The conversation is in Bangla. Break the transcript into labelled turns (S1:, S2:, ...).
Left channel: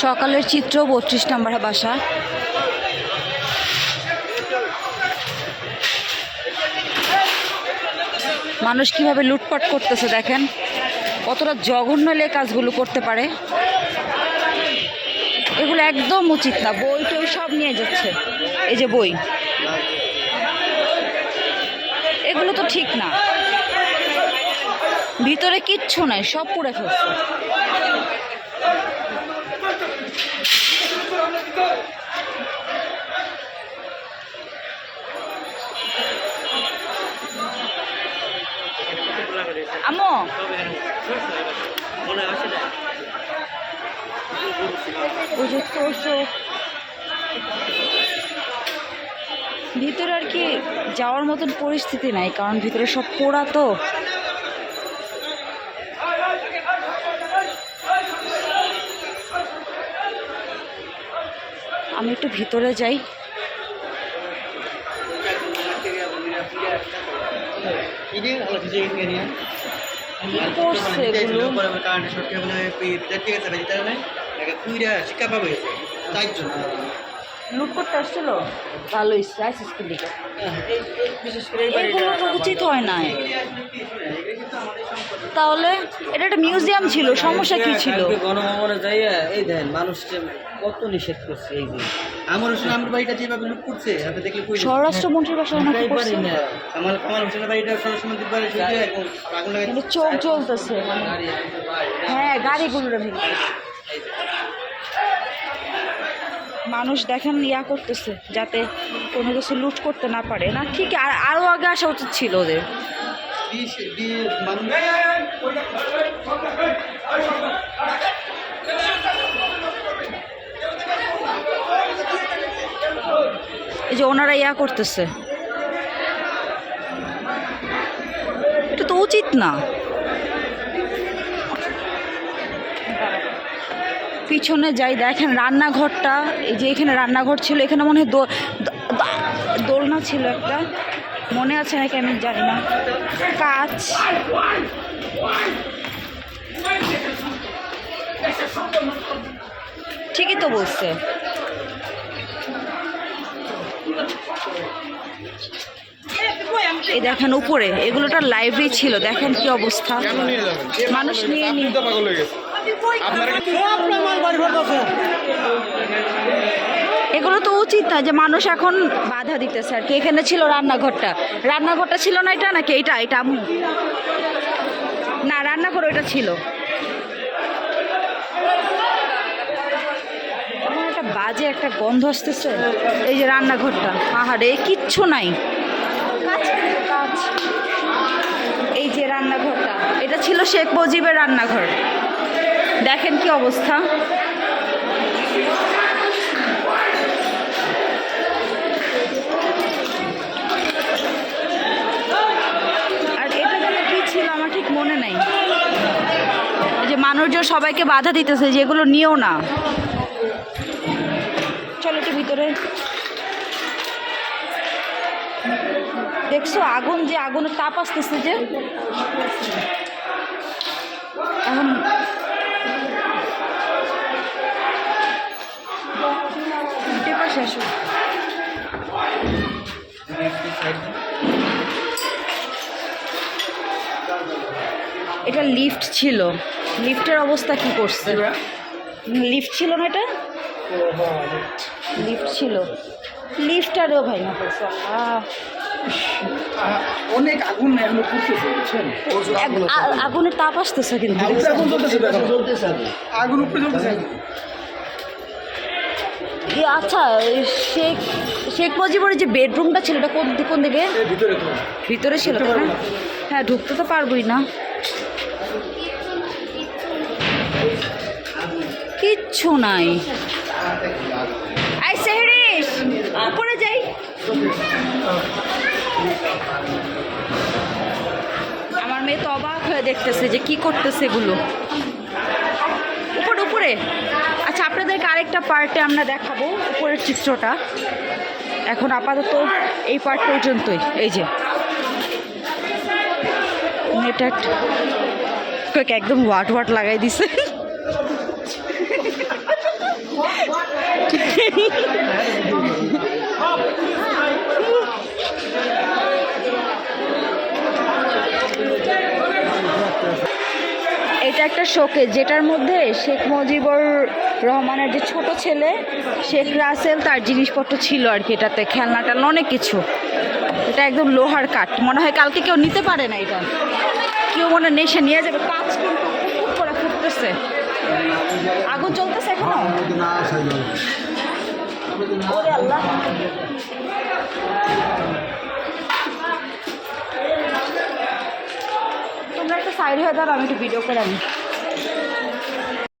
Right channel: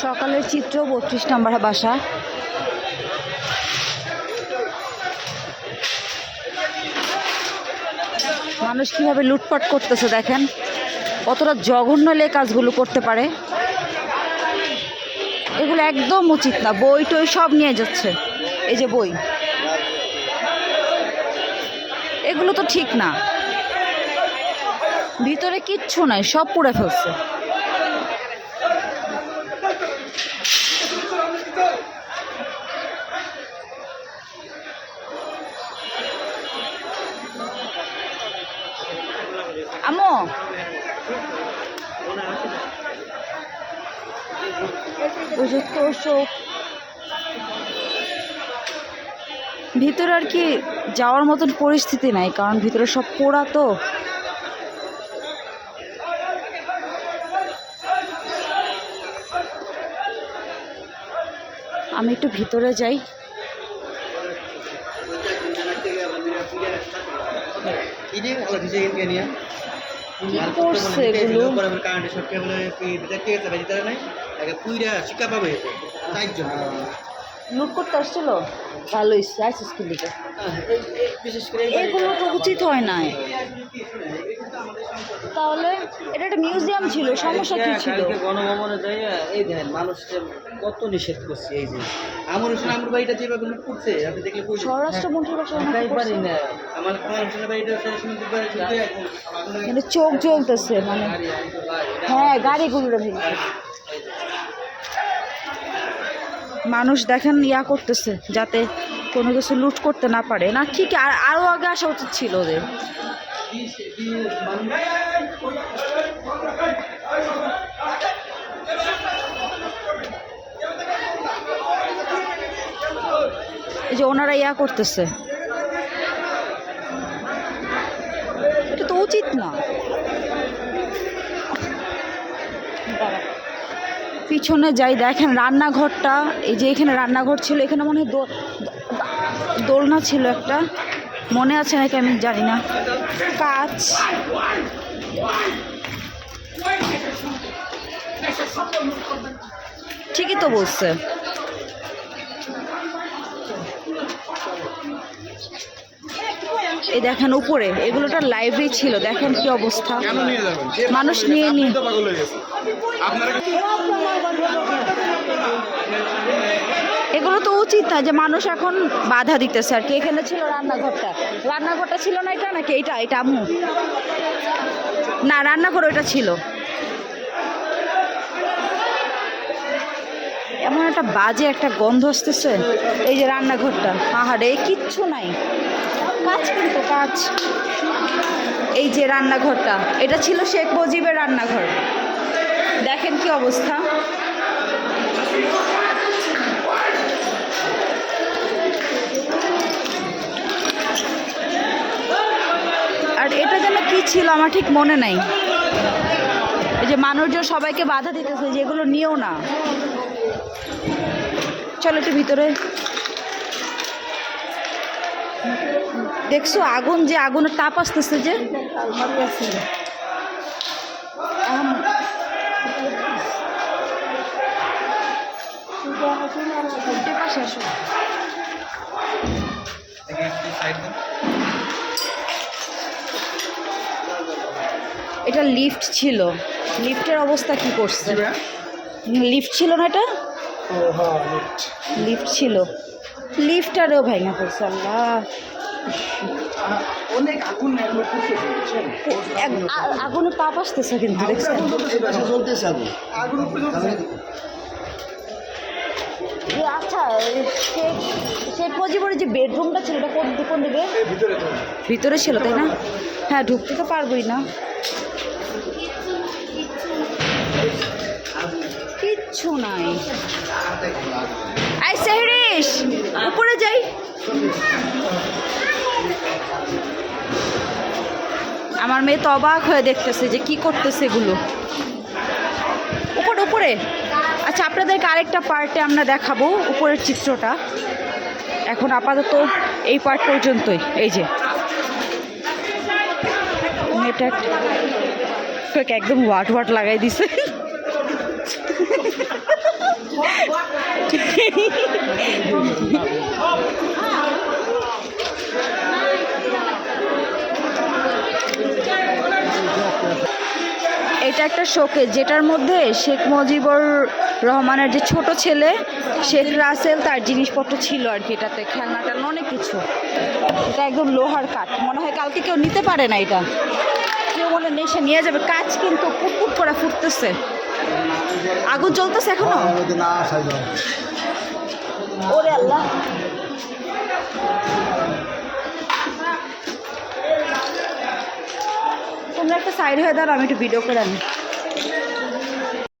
S1: সকালের চিত্র, বত্রিশ নম্বর বাসা। মানুষ কীভাবে লুটপাট করতেছে দেখেন, কতটা জঘন্য হলে কাজগুলো করতে পারে। এগুলো একদম উচিত না, বই টই সব নিয়ে যাচ্ছে, এই যে বই। এগুলো তো ঠিক না। ভিতরে কিচ্ছু নাই, সব পুড়ে ফেলছে। আমো ওই ভিতরে আর কি যাওয়ার মতন পরিস্থিতি নাই কারণ ভিতরে সব পোড়া তো। আমি একটু ভিতরে যাই। কি করছে এগুলো? লুট করতে আসছিল? ভালো ইচ্ছে এগুলো তো উচিত হয় না তাহলে এটা একটা মিউজিয়াম ছিল সমস্যা কি ছিল?
S2: গণভবনে যাইয়া এই দেখেন মানুষকে কত নিষেধ করছে এই যে। আমার সঙ্গে আমার বাড়িটা যেভাবে লুট করছে আপনি দেখলে কই
S1: স্বরাষ্ট্রমন্ত্রীর বাসায় ওনাকে করছে?
S2: আমার আমার হোসেনের বাড়িটা বাড়ি
S1: মানে চোখ জ্বলতেছে মানে। হ্যাঁ গাড়িগুলো ভেঙে মানুষ দেখেন ইয়া করতেছে যাতে কোনো কিছু লুট করতে না পারে। না ঠিক আর আরও আগে আসা উচিত ছিল ওদের। এই যে ওনারা ইয়া করতেছে। এটা তো উচিত না। পিছনে যাই দেখেন রান্নাঘরটা, এই যে এখানে রান্নাঘর ছিল, এখানে মনে হয় দোলনা ছিল একটা। মনে আছে নাকি আমি জানি না। কাজ। ঠিকই তো বলছে। এই দেখেন উপরে, এগুলোটা লাইব্রেরি ছিল, দেখেন কি অবস্থা। মানুষ নিয়ে নিয়ে এগুলো তো উচিত না যে মানুষ এখন বাধা দিতেছে আর কি। এখানে ছিল রান্নাঘরটা। রান্নাঘরটা ছিল না এটা নাকি? এটা এটা আম্মু। না, রান্নাঘর ওইটা ছিল। এমন একটা বাজে একটা গন্ধ আসতেছে। এই যে রান্নাঘরটা। পাহাড়ে কিচ্ছু নাই। কাজ কিন্তু কাজ। এই যে রান্নাঘরটা, এটা ছিল শেখ মুজিবের রান্নাঘর। দেখেন কি অবস্থা আর এটা যেন কি ছিল আমার ঠিক মনে নাই। যে মানুষজন সবাইকে বাধা দিতেছে, যেগুলো নিও না। চলো একটু ভিতরে। দেখছ আগুন যে আগুনের তাপ আসতেছে যে? এটা লিফট ছিল। লিফটের অবস্থা কি করছে? লিফট ছিল না এটা? লিফট ছিল। লিফটারেও ভাইনা পড়ছে আল্লাহ।
S3: অনেক আগুন
S1: আগুনের তাপ আসতেছে কিন্তু।
S3: আগুন আগুন উপরে জ্বলতেছে।
S1: এ আচ্ছা শেখ শেখ মুজিবের যে বেডরুমটা ছিল এটা কোন কোন দিকে?
S3: ভিতরে
S1: ভিতরে ছিল তাই না? হ্যাঁ ঢুকতে তো পারবোই না। কিচ্ছু নাই। উপরে যাই। আমার মেয়ে তো অবাক হয়ে দেখতেছে যে কি করতেছে এগুলো। উপরে উপরে। আচ্ছা আপনাদেরকে আরেকটা পার্টে আমরা দেখাবো উপরের চিত্রটা। এখন আপাতত এই পার্ট পর্যন্তই। এই যে। একটা একদম ওয়াট ওয়াট লাগাই দিছে। এটা একটা শোকেস, যেটার মধ্যে শেখ মুজিবুর রহমানের যে ছোট ছেলে, শেখ রাসেল, তার জিনিসপত্র ছিল আর কি এটাতে খেলনা টেলনা অনেক কিছু। এটা একদম লোহার কাঠ, মনে হয় কালকে কেউ নিতে পারে না এটা। কেউ মনে নেই সে নিয়ে যাবে, কাজ কিন্তু কুকুর করে ফুটতেছে। আগুন জ্বলতেছে এখনও? ওরে আল্লাহ। তোমরা একটা সাইড হয়ে দাও আমি একটু ভিডিও করে আনি